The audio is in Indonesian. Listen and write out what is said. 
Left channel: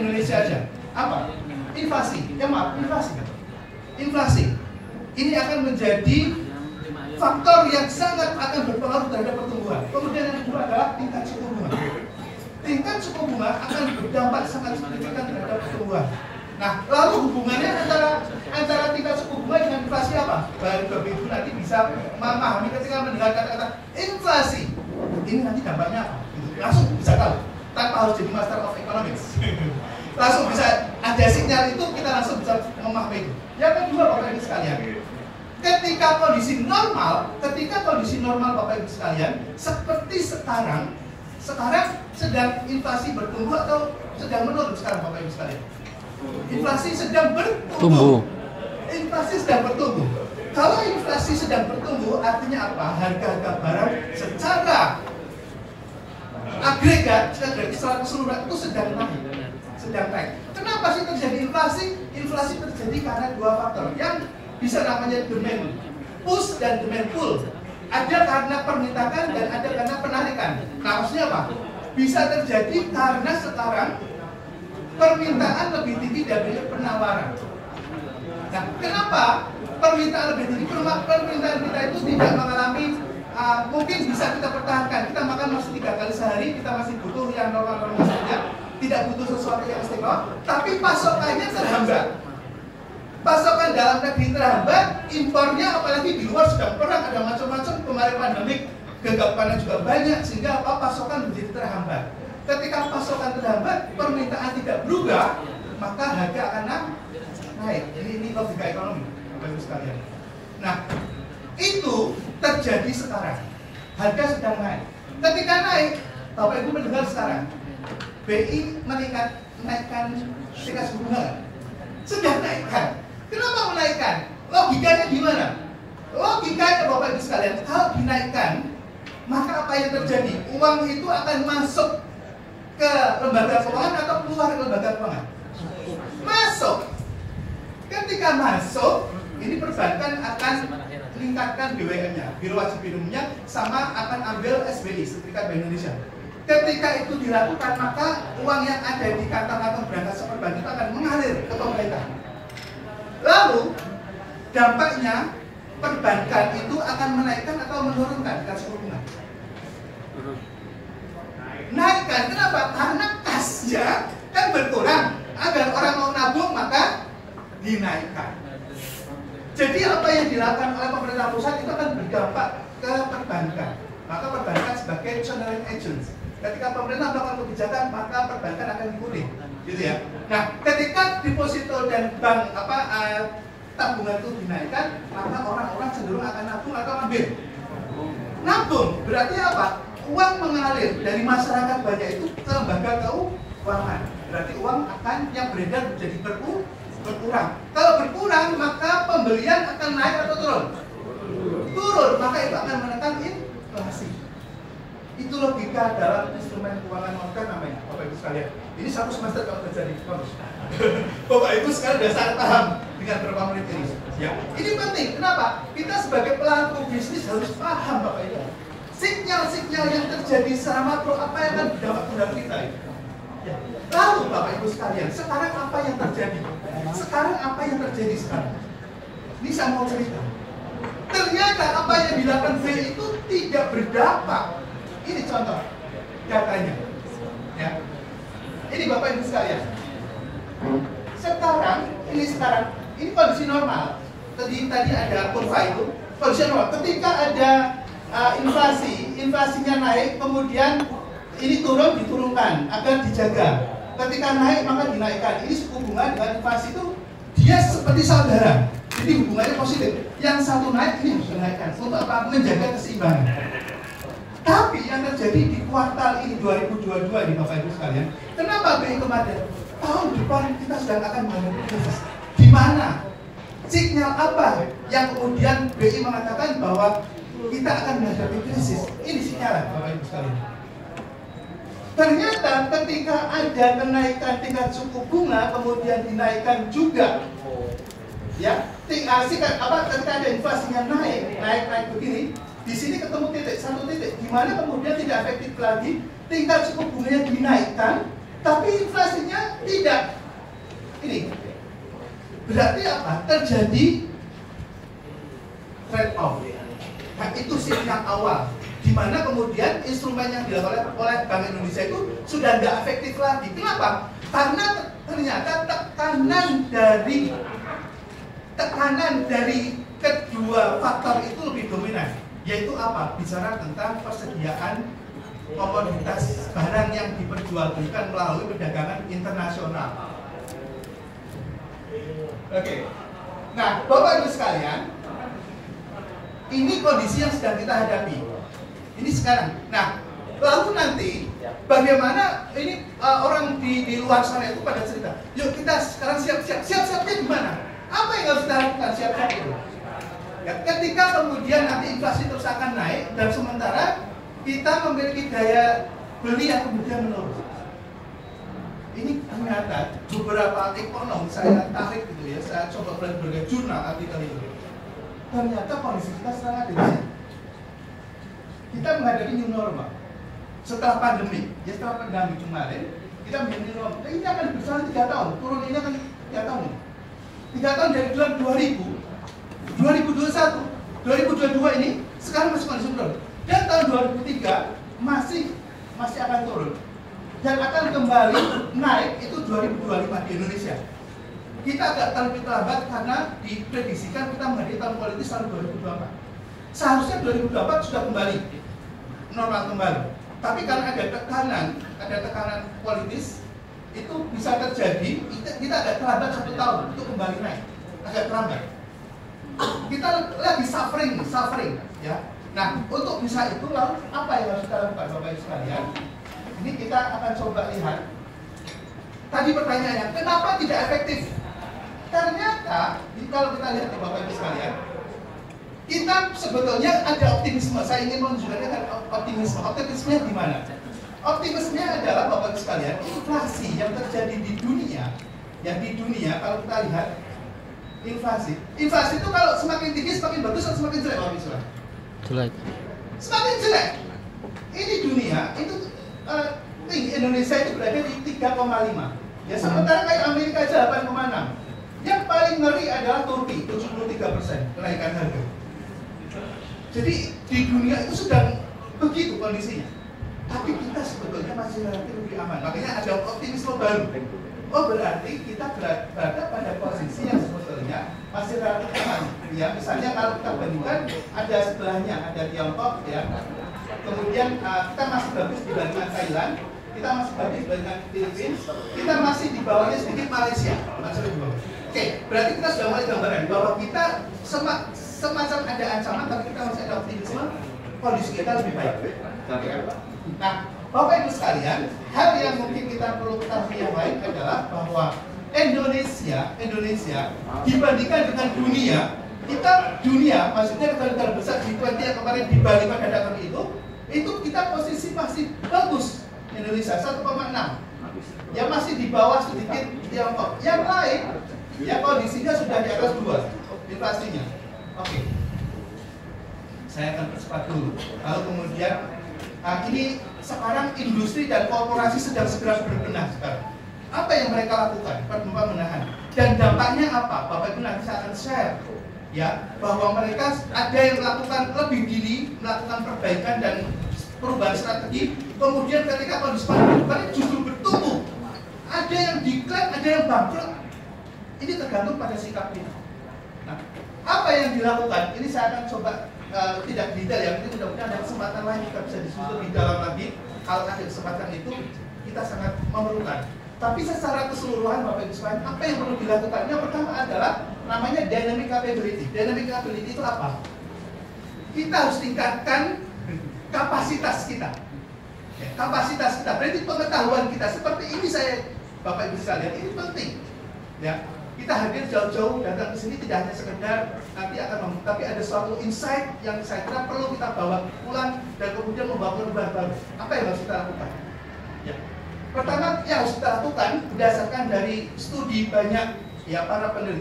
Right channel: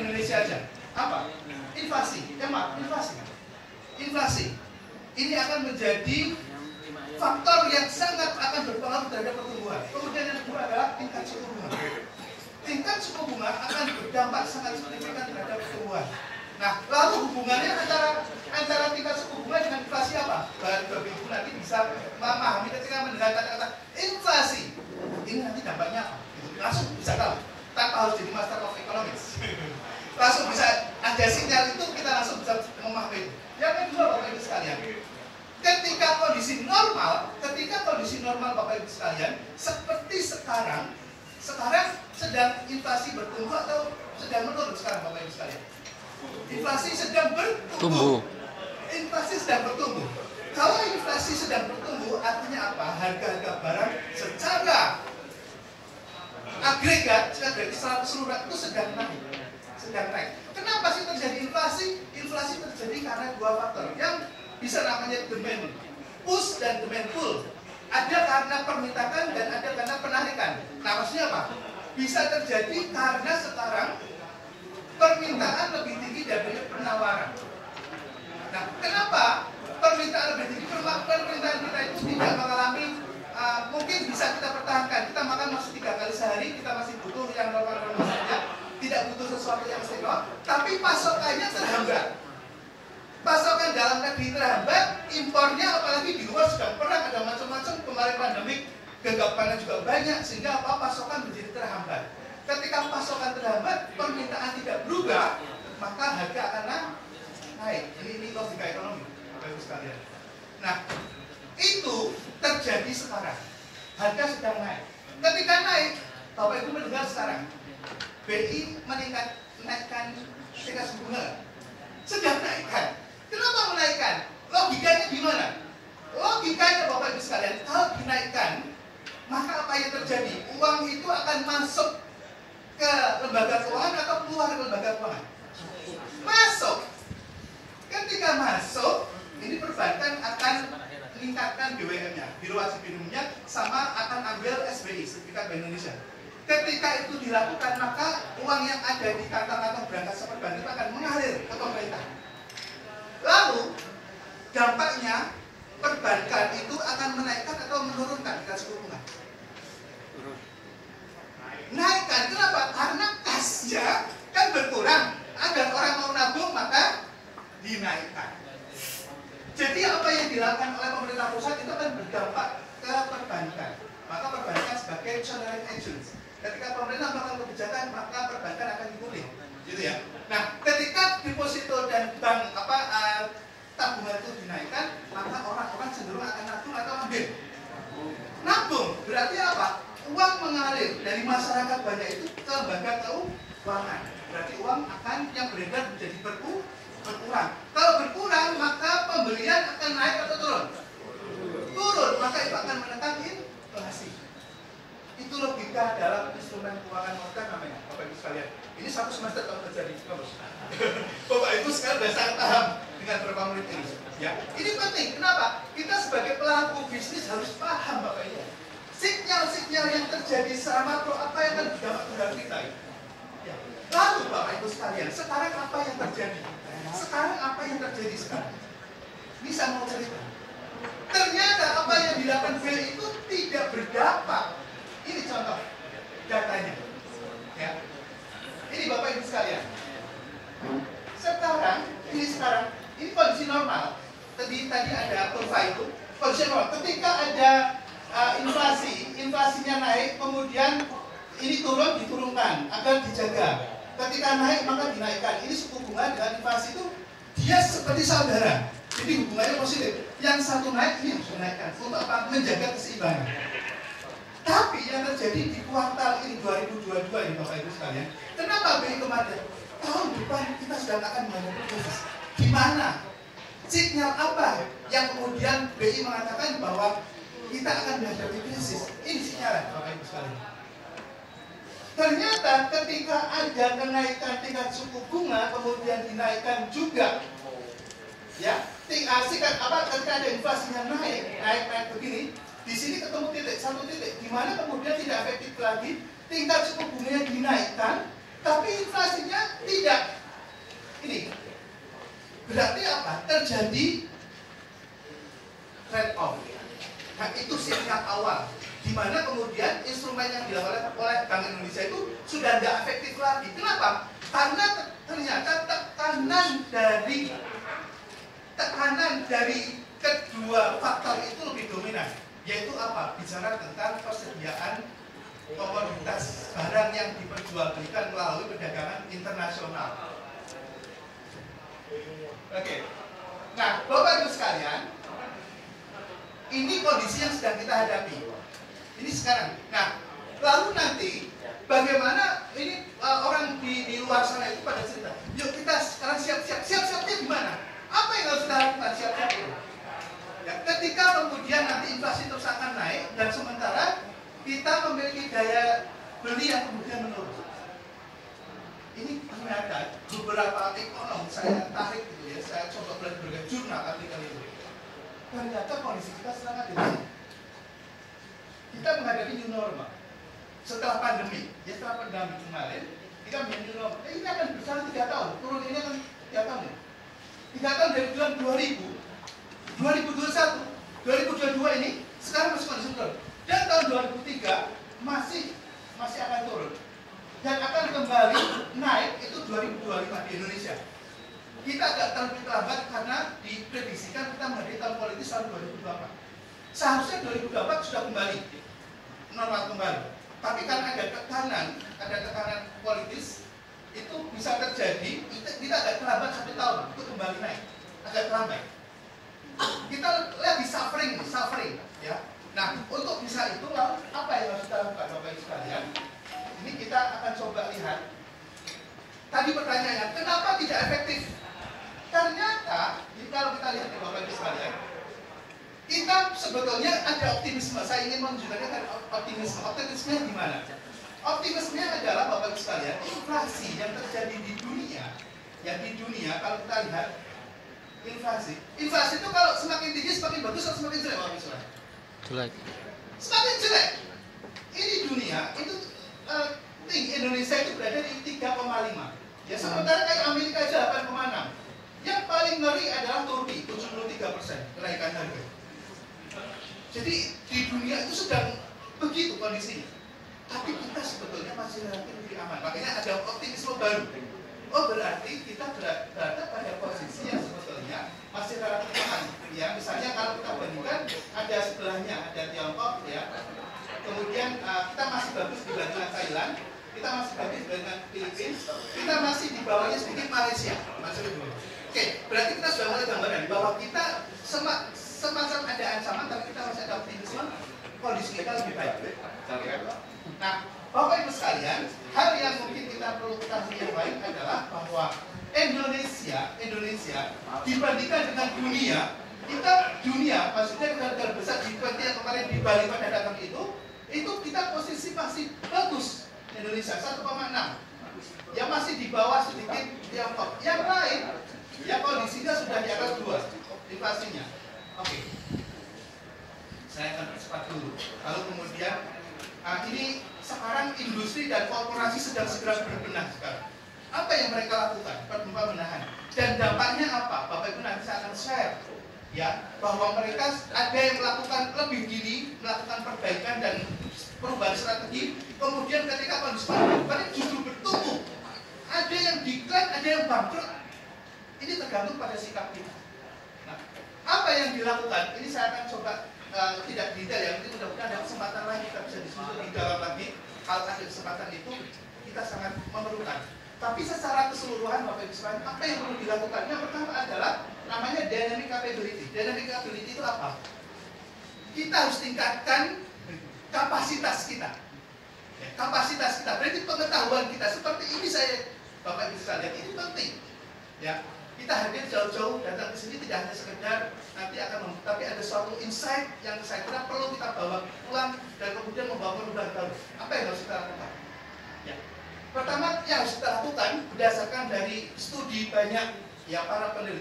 Indonesia aja. Apa? Inflasi. Inflasi kan? Inflasi. Ini akan menjadi faktor yang sangat akan berpengaruh terhadap pertumbuhan. Kemudian yang kedua adalah tingkat suku bunga. Tingkat suku bunga akan berdampak sangat signifikan terhadap pertumbuhan. Nah, lalu hubungannya antara tingkat suku bunga dengan inflasi apa? Bapak Ibu nanti bisa memahami ketika mendengar kata-kata inflasi. Ini nanti dampaknya apa? Langsung bisa tahu, tanpa harus jadi Master of Economics. Langsung bisa ada sinyal itu, kita langsung bisa memahami itu. Yang kedua, Bapak Ibu sekalian, ketika kondisi normal Bapak Ibu sekalian, seperti sekarang sedang inflasi bertumbuh atau sedang menurun sekarang Bapak Ibu sekalian? Inflasi sedang bertumbuh. Inflasi sedang bertumbuh. Kalau inflasi sedang bertumbuh, artinya apa? Harga-harga barang secara agregat, secara keseluruhan itu sedang naik. Kenapa sih terjadi inflasi? Inflasi terjadi karena dua faktor yang bisa namanya demand push dan demand pull. Ada karena permintaan dan ada karena penarikan. Nah, maksudnya apa? Bisa terjadi karena sekarang permintaan lebih tinggi daripada penawaran. Nah, kenapa permintaan lebih tinggi? Permintaan kita itu tidak mengalami mungkin bisa kita pertahankan. Kita makan masih 3 kali sehari, kita masih butuh yang normal-normal saja, tidak butuh sesuatu yang istimewa, tapi pasokannya terhambat. Pasokan dalam negeri terhambat, impornya apalagi di luar sedang perang, ada macam-macam, kemarin pandemik, gagapannya juga banyak, sehingga pasokan menjadi terhambat. Ketika pasokan terhambat, permintaan tidak berubah, maka harga akan naik. Ini logika ekonomi, Bapak Ibu sekalian. Nah, itu terjadi sekarang. Harga sedang naik. Ketika naik, Bapak Ibu mendengar sekarang, BI menaikkan tingkat suku bunga. Sedang naikkan. Kenapa menaikkan? Logikanya gimana? Logikanya Bapak Ibu sekalian, kalau dinaikkan, maka apa yang terjadi? Uang itu akan masuk ke lembaga keuangan atau keluar ke lembaga keuangan? Masuk. Ketika masuk, ini perbankan akan meningkatkan BWM-nya, biro wajib minimumnya, sama akan ambil SBI, Sertifikat Bank Indonesia. Ketika itu dilakukan, maka uang yang ada di kantong-kantong berangkas perbankan itu akan mengalir ke pemerintah. Lalu dampaknya perbankan itu akan menaikkan atau menurunkan tingkat suku bunga. Naikkan, kenapa? Karena kasnya kan berkurang. Agar orang mau nabung maka dinaikkan. Jadi apa yang dilakukan oleh pemerintah pusat itu akan berdampak ke perbankan. Maka perbankan sebagai channeling agents. Ketika pemerintah melakukan kebijakan, maka perbankan akan diikuti, gitu ya. Nah, ketika deposito dan bank tabungan itu dinaikkan, maka orang-orang cenderung akan nabung atau ambil. Nabung berarti apa? Uang mengalir dari masyarakat banyak itu ke lembaga keuangan. Berarti uang akan yang beredar menjadi berkurang. Kalau berkurang, maka pembelian akan naik atau turun? Turun, maka itu akan menekan inflasi. Itu logika dalam instrumen keuangan moneter namanya, Bapak Ibu sekalian. Ini satu semester kalau terjadi bonus. Bapak Ibu sekarang sudah sangat paham dengan beberapa menit ini. Ya, ini penting. Kenapa? Kita sebagai pelaku bisnis harus paham, Bapak Ibu. Sinyal-sinyal yang terjadi secara makro, apa yang akan berdampak terhadap kita. Ya. Lalu Bapak Ibu sekalian, sekarang apa yang terjadi? Sekarang? Ini saya mau cerita. Ternyata apa yang dilakukan B itu tidak berdampak. Ini contoh datanya. Ya. Ini Bapak Ibu sekalian. Sekarang, ini kondisi normal. Tadi ada kurva itu, kondisi normal. Ketika ada inflasinya naik, kemudian ini diturunkan agar dijaga. Ketika naik maka dinaikkan. Ini suku bunga dengan inflasi itu dia seperti saudara. Jadi hubungannya positif. Yang satu naik, ini harus dinaikkan untuk apa? Menjaga keseimbangan. Tapi yang terjadi di kuartal ini 2022 nih Bapak Ibu sekalian, kenapa BI kemarin tahun depan kita sedang akan menghadapi krisis? Di mana? Sinyal apa yang kemudian BI mengatakan bahwa kita akan menghadapi krisis? Ini sinyal Bapak Ibu sekalian. Ternyata ketika ada kenaikan tingkat suku bunga kemudian dinaikkan juga, ya, ketika ada inflasinya naik begini, di sini ketemu satu titik, di mana kemudian tidak efektif lagi tingkat suku bunganya dinaikkan, Tapi inflasinya tidak. Ini berarti apa? Terjadi trade off. Nah, itu sinyal awal, di mana kemudian instrumen yang dilakukan oleh Bank Indonesia itu sudah tidak efektif lagi. Kenapa? Karena ternyata tekanan dari kedua faktor itu lebih dominan, yaitu apa? Bicara tentang persediaan komoditas barang yang diperjualbelikan melalui perdagangan internasional. Oke. Nah, Bapak Ibu sekalian, ini kondisi yang sedang kita hadapi. Ini sekarang. Nah, lalu nanti bagaimana ini orang di luar sana itu pada cerita, yuk kita sekarang siap-siap. Siap-siapnya gimana? Apa yang harus kita lakukan siap-siapnya? Ya, ketika kemudian nanti inflasi terus akan naik dan sementara kita memiliki daya beli yang kemudian menurun. Ini ternyata beberapa ekonom saya tarik gitu ya, saya coba berbagai jurnal artikel itu. Ternyata kondisi kita sekarang ada di sini. Kita menghadapi new normal. Setelah pandemi, ya setelah pandemi kemarin, kita menjadi new normal. Nah, ini akan berjalan 3 tahun, turun ini akan 3 tahun. 3 tahun dari bulan 2000, 2021, 2022 ini sekarang masih kondisi turun. Dan tahun 2003 masih akan turun. Dan akan kembali naik itu 2025 di Indonesia. Kita agak terlambat karena diprediksikan kita menghadapi tahun politis tahun 2024. Seharusnya 2024 sudah kembali normal kembali. Tapi karena ada tekanan politis, itu bisa terjadi. Kita agak terlambat 1 tahun untuk kembali naik, agak terlambat. Kita lagi suffering, ya. Nah, untuk bisa itu lalu apa yang harus kita lakukan, Bapak Ibu sekalian? Ini kita akan coba lihat. Tadi pertanyaannya, kenapa tidak efektif? Ternyata, kalau kita lihat di Bapak Ibu sekalian, kita sebetulnya ada optimisme. Saya ingin menunjukkan optimisme. Optimismenya di mana? Optimismenya adalah Bapak Ibu sekalian, inflasi yang terjadi di dunia, kalau kita lihat inflasi itu kalau semakin tinggi semakin bagus atau semakin jelek, Bapak Ibu sekalian? Jelek. Semakin jelek. Ini dunia itu tinggi, Indonesia itu berada di 3,5. Ya sementara kayak Amerika aja 8,6. Yang paling ngeri adalah Turki, 73% kenaikan harga. Jadi di dunia itu sedang begitu kondisinya. Tapi kita sebetulnya masih lebih aman. Makanya ada optimisme baru. Oh berarti kita berada pada posisi yang sebetulnya masih relatif aman. Ya misalnya kalau kita bandingkan ada sebelahnya ada Tiongkok ya. Kemudian kita masih bagus dibandingkan Thailand. Kita masih bagus dibandingkan Filipina. Kita masih di bawahnya sedikit Malaysia. Oke, berarti kita sudah mulai gambaran bahwa kita semacam ada ancaman, tapi kita masih ada optimisme, kondisi kita lebih baik. Nah, Bapak Ibu sekalian, hal yang mungkin kita perlu ketahui yang lain adalah bahwa Indonesia dibandingkan dengan dunia, maksudnya negara besar G20 yang kemarin di Bali pada datang itu kita posisi masih bagus. Indonesia 1,6, yang masih di bawah sedikit Tiongkok. Yang lain, ya kondisinya sudah di atas 2 inflasinya. Oke, saya akan percepat dulu. Lalu kemudian, ini sekarang industri dan korporasi sedang segera berbenah sekarang. Apa yang mereka lakukan? Pembenahan. Dan dampaknya apa? Bapak Ibu nanti saya akan share. Ya, bahwa mereka ada yang melakukan lebih dini, melakukan perbaikan dan perubahan strategi. Kemudian ketika kondisi pandemi justru bertumbuh. Ada yang decline, ada yang bangkrut. Ini tergantung pada sikap kita. Nah, apa yang dilakukan? Ini saya akan coba tidak detail ya. Ini mudah-mudahan ada kesempatan lain kita bisa diskusi lebih dalam lagi. Kalau ada kesempatan itu kita sangat memerlukan. Tapi secara keseluruhan Bapak Ibu sekalian, apa yang perlu dilakukan? Yang pertama adalah namanya dynamic capability. Dynamic capability itu apa? Kita harus tingkatkan kapasitas kita. Ya, kapasitas kita, berarti pengetahuan kita. Seperti ini saya, Bapak Ibu sekalian, ini penting. Ya, kita hadir jauh-jauh datang ke sini tidak hanya sekedar nanti akan tapi ada suatu insight yang saya kira perlu kita bawa pulang dan kemudian membawa perubahan baru. Apa yang harus kita lakukan? Ya. Pertama yang harus kita lakukan berdasarkan dari studi banyak ya para peneliti.